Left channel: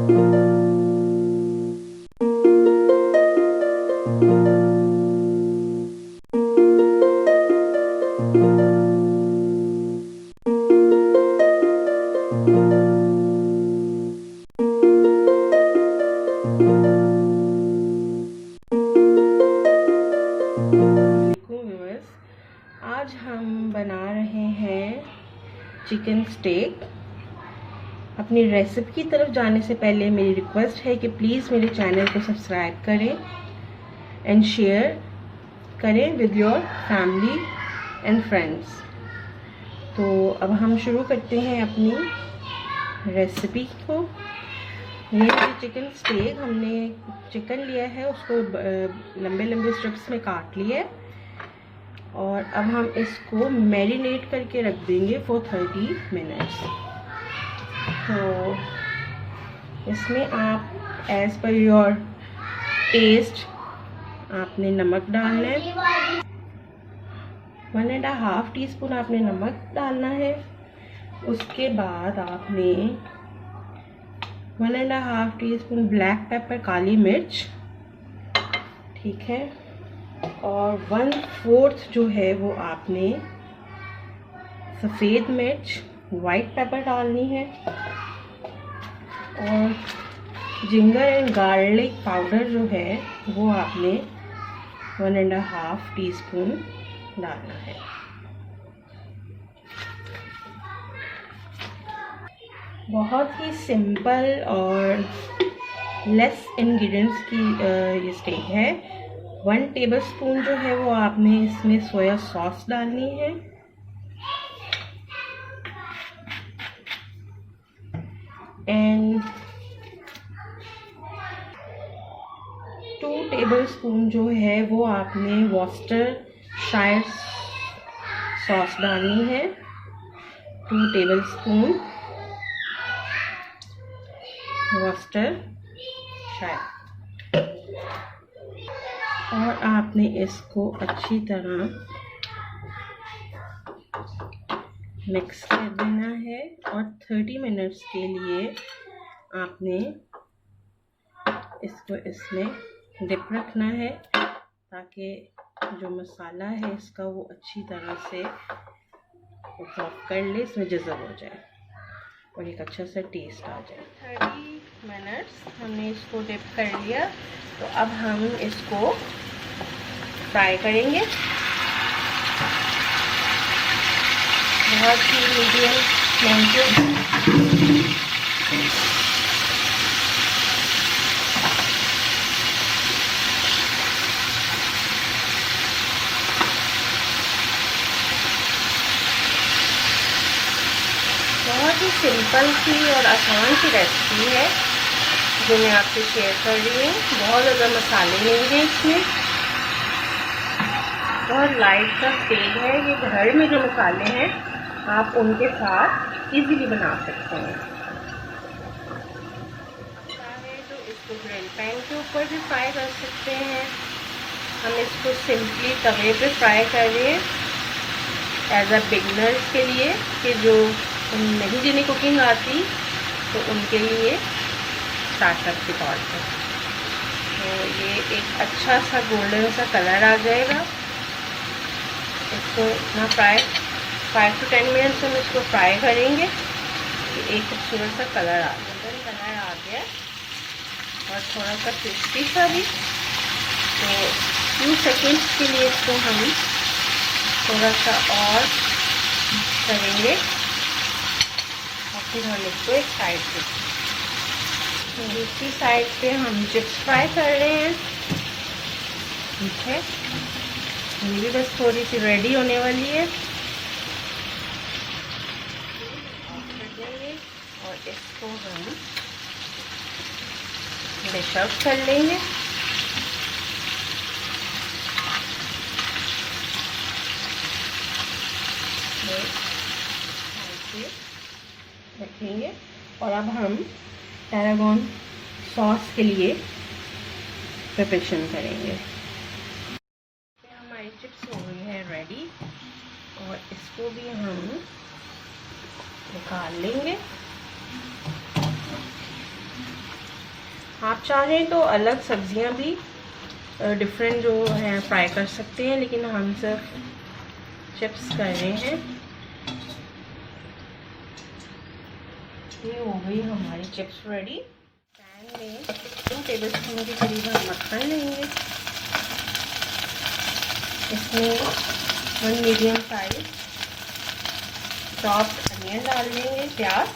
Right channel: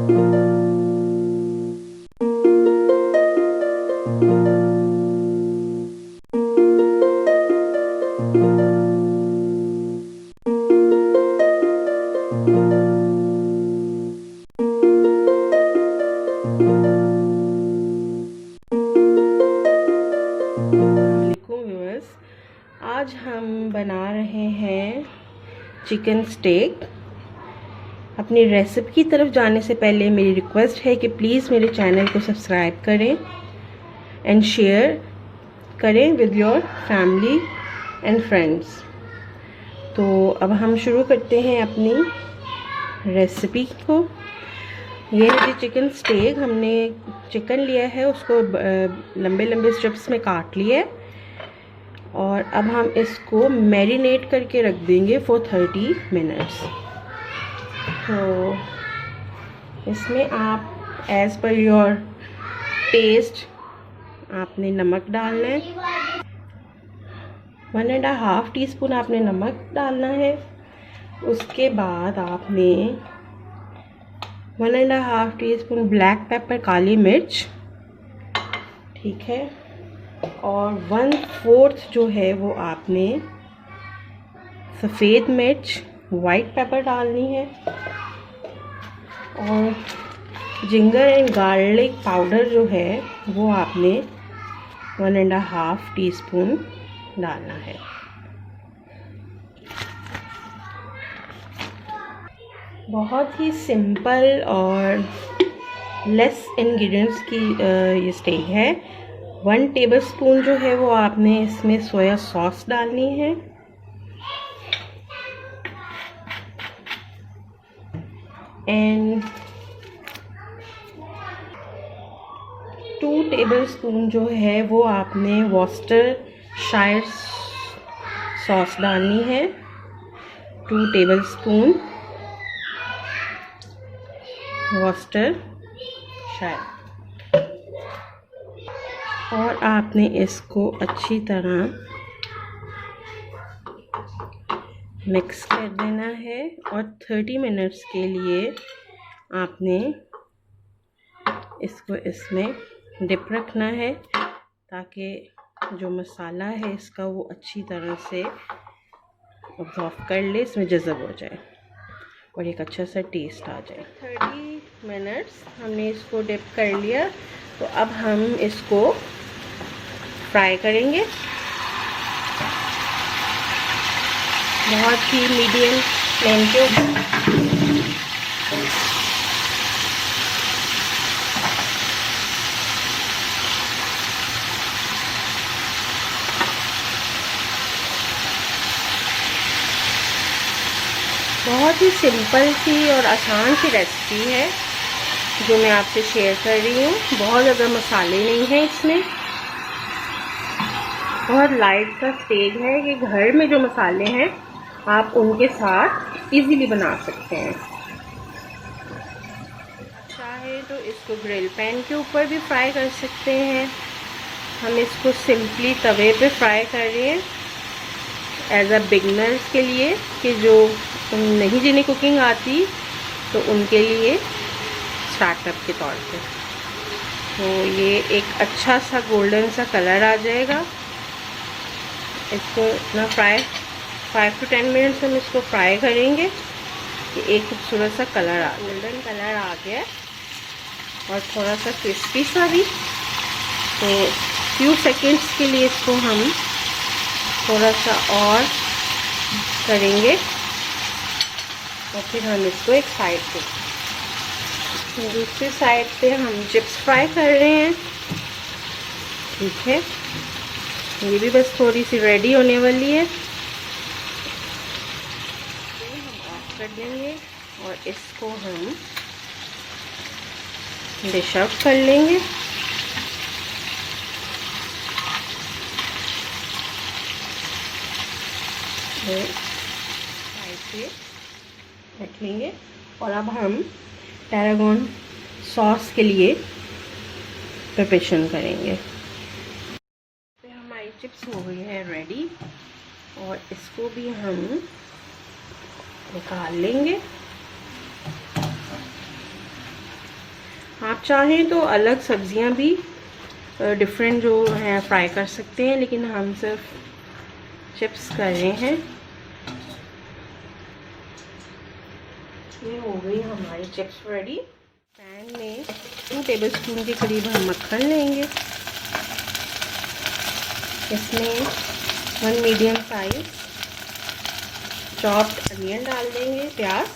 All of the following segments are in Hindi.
आज हम बना रहे हैं चिकन स्टेक। अपनी रेसिपी की तरफ जाने से पहले मेरी रिक्वेस्ट है कि प्लीज़ मेरे चैनल को सब्सक्राइब करें एंड शेयर करें with your family and friends. तो अब हम शुरू करते हैं अपनी रेसिपी को। ये है चिकन स्टेक। हमने चिकन लिया है, उसको लंबे लंबे स्ट्रिप्स में काट लिया है और अब हम इसको मैरिनेट करके रख देंगे फॉर 30 मिनट्स। तो इसमें आप एज़ पर योर टेस्ट आपने नमक डालना है। 1.5 टीस्पून आपने नमक डालना है। उसके बाद आपने 1.5 टीस्पून ब्लैक पेपर काली मिर्च, ठीक है, और 1/4 जो है वो आपने सफ़ेद मिर्च वाइट पेपर डालनी है और जिंजर एंड गार्लिक पाउडर जो है वो आपने 1.5 टीस्पून डालना है। बहुत ही सिंपल और लेस इंग्रेडिएंट्स की ये स्टेक है। 1 टेबलस्पून जो है वो आपने इसमें सोया सॉस डालनी है एंड 2 टेबलस्पून जो है वो आपने वॉर्सेस्टायरशायर सॉस डालनी है। 2 टेबलस्पून वॉर्सेस्टायरशायर, और आपने इसको अच्छी तरह मिक्स कर देना है और 30 मिनट्स के लिए आपने इसको इसमें डिप रखना है ताकि जो मसाला है इसका वो अच्छी तरह से ऑब्जॉर्व कर ले, इसमें जज़ब हो जाए और एक अच्छा सा टेस्ट आ जाए। 30 मिनट्स हमने इसको डिप कर लिया। तो अब हम इसको फ्राई करेंगे बहुत ही मीडियम फ्लेम के ऊपर। बहुत ही सिंपल सी और आसान सी रेसिपी है जो मैं आपसे शेयर कर रही हूँ। बहुत ज़्यादा मसाले नहीं हैं इसमें, बहुत लाइट सा स्टेक है। ये घर में जो मसाले हैं आप उनके साथ इजीली बना सकते हैं। चाहे तो इसको ग्रिल पैन के ऊपर भी फ्राई कर सकते हैं। हम इसको सिंपली तवे पे फ्राई कर रहे हैं एज अ बिगनर्स के लिए, कि जो नहीं जिन्हें कुकिंग आती तो उनके लिए स्टार्टअप के तौर पे। तो ये एक अच्छा सा गोल्डन सा कलर आ जाएगा। इसको ना 5 to 10 मिनट्स हम इसको फ्राई करेंगे कि एक खूबसूरत सा कलर गोल्डन कलर आ गया और थोड़ा सा क्रिस्पी सा भी। तो फ्यू सेकंड्स के लिए इसको हम थोड़ा सा और करेंगे और फिर हम इसको एक साइड पे, दूसरी साइड पे हम चिप्स फ्राई कर रहे हैं। ठीक है, ये भी बस थोड़ी सी रेडी होने वाली है। कर देंगे और इसको हम डिश आउट कर लेंगे। रख लेंगे और अब हम टैरागोन सॉस के लिए प्रिपरेशन करेंगे। हमारी चिप्स हो गई है रेडी और इसको भी हम निकाल लेंगे। आप चाहें तो अलग सब्जियां भी डिफरेंट जो है फ्राई कर सकते हैं, लेकिन हम सिर्फ चिप्स कर रहे हैं। ये हो गई हमारी चिप्स रेडी। पैन में 2 टेबलस्पून के करीब हम मक्खन लेंगे। इसमें 1 मीडियम साइज चॉप्ड अनियन डाल देंगे, प्याज।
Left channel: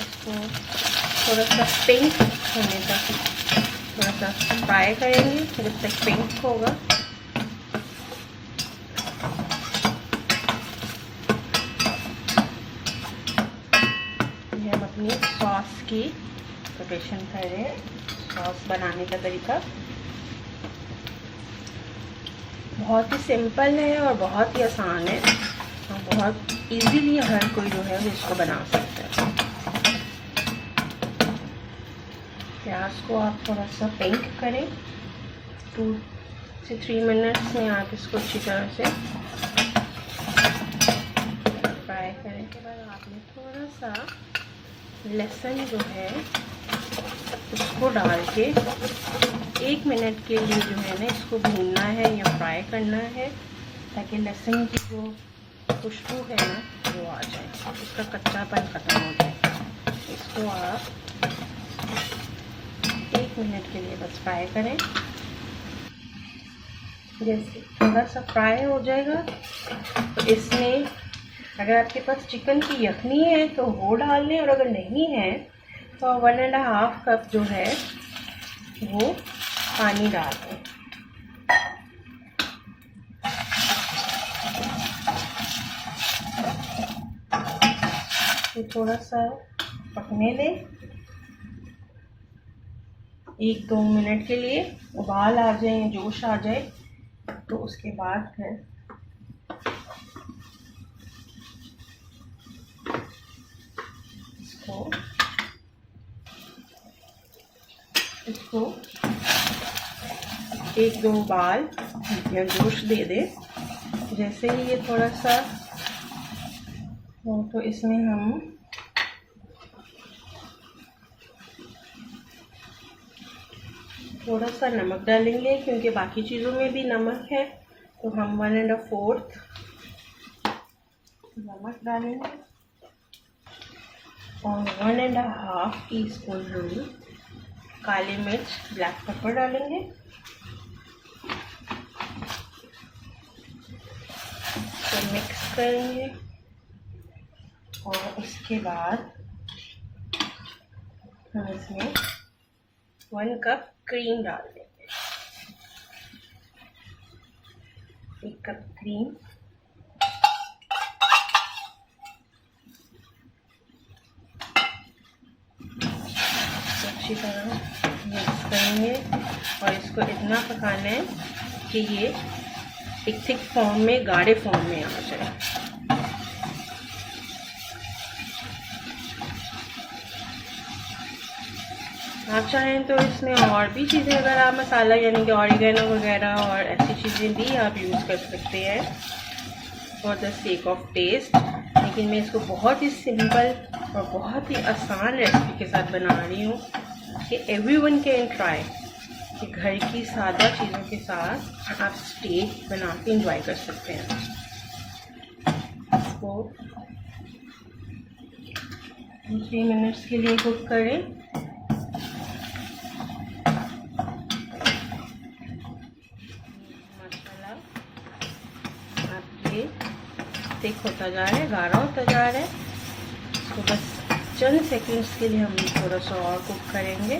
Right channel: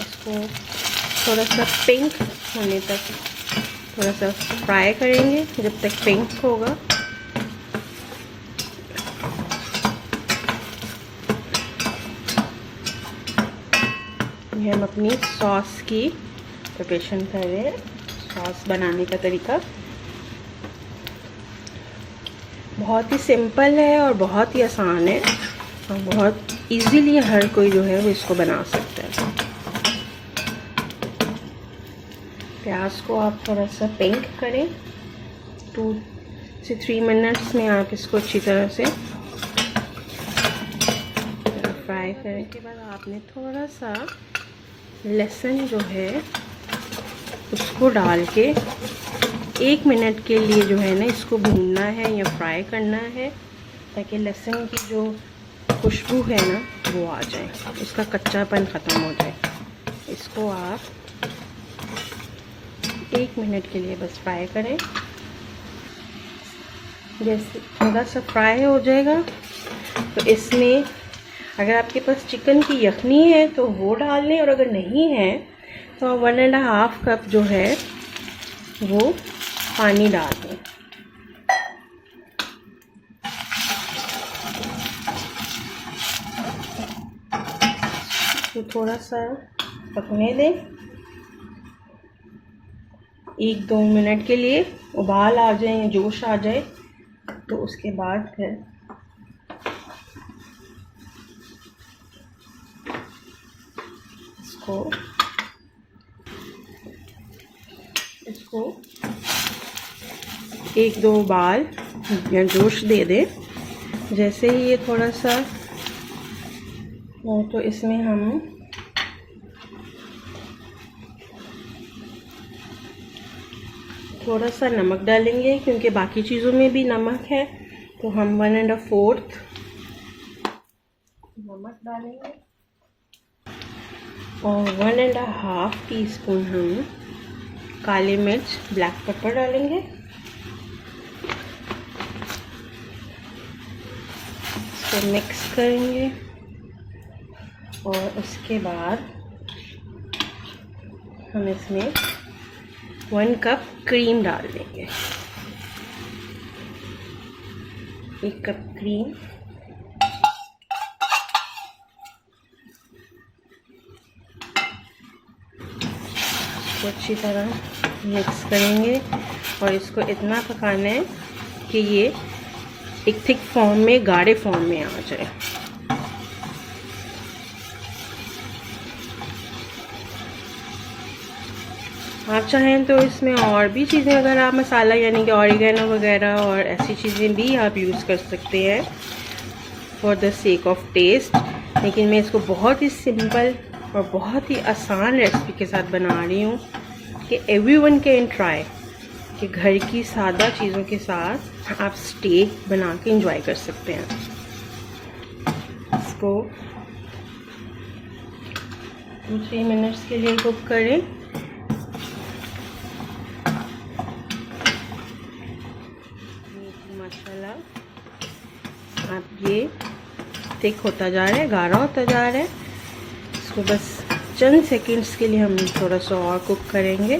इसको थोड़ा सा पिंक होने तक थोड़ा सा फ्राई करेंगे, जब तक पिंक होगा। ये हम अपनी सॉस की प्रिपरेशन कर रहे हैं। सॉस बनाने का तरीका बहुत ही सिंपल है और बहुत ही आसान है, और बहुत इजीली हर कोई जो है वो इसको बना सकता है। प्याज को आप थोड़ा सा पिंक करें, 2 से 3 मिनट्स में आप इसको अच्छी तरह से फ्राई करें। के बाद आपने थोड़ा सा लहसुन जो है इसको डाल के 1 मिनट के लिए जो है ना इसको भूनना है या फ्राई करना है, ताकि लहसुन की जो खुशबू है ना वो आ जाए, उसका कच्चापन ख़त्म हो जाए। इसको आप 1 मिनट के लिए बस फ्राई करें। जैसे थोड़ा सा फ्राई हो जाएगा तो इसमें अगर आपके पास चिकन की यखनी है तो वो डाल लें, और अगर नहीं है तो 1.5 कप जो है वो पानी डाल दें। तो थोड़ा सा पकने दें 1-2 मिनट के लिए। उबाल आ जाए, जोश आ जाए, तो उसके बाद फिर इसको 1-2 उबाल या जोश दे दे। जैसे ही ये थोड़ा सा हो तो इसमें हम थोड़ा सा नमक डालेंगे, क्योंकि बाकी चीज़ों में भी नमक है, तो हम 1.25 नमक डालेंगे, और 1.5 टीस्पून हम काली मिर्च ब्लैक पेपर डालेंगे। इसको मिक्स करेंगे, और उसके बाद हम इसमें 1 कप क्रीम डाल देंगे। 1 कप क्रीम, इसको अच्छी तरह मिक्स करेंगे, और इसको इतना पकाना है कि ये एक थिक फॉर्म में, गाढ़े फॉर्म में आ जाए। आप चाहें तो इसमें और भी चीज़ें, अगर आप मसाला यानी कि ऑरिगेनो वगैरह और ऐसी चीज़ें भी आप यूज़ कर सकते हैं for the sake of test, लेकिन मैं इसको बहुत ही सिंपल और बहुत ही आसान रेसिपी के साथ बना रही हूँ कि एवरीवन कैन ट्राई, कि घर की सादा चीज़ों के साथ आप स्टेक बना के एंजॉय कर सकते हैं। इसको 2-3 मिनट्स के लिए कुक करें। मसाला अब ये थिक होता जा रहा है, गाढ़ा होता जा रहा है। इसको बस चंद सेकंड्स के लिए हम थोड़ा सा और कुक करेंगे।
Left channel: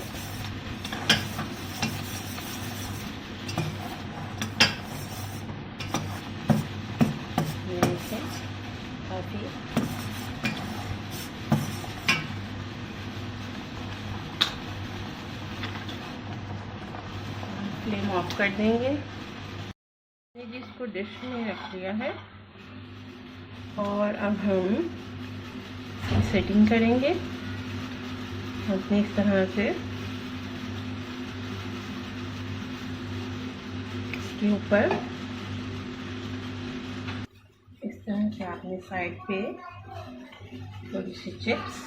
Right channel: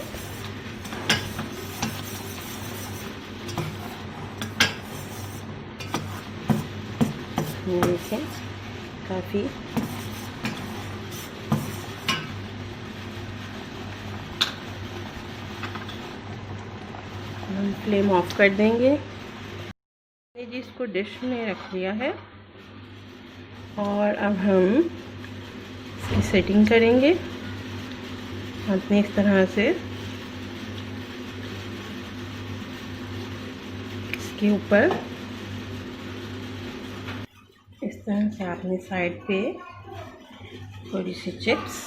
ये देखें, काफ़ी हम फ्लेम ऑफ कर देंगे। इसको डिश में रख दिया है, और अब हम इसकी सेटिंग करेंगे। आपने इस तरह से इसके ऊपर इस तरह से आपने साइड पे थोड़ी सी चिप्स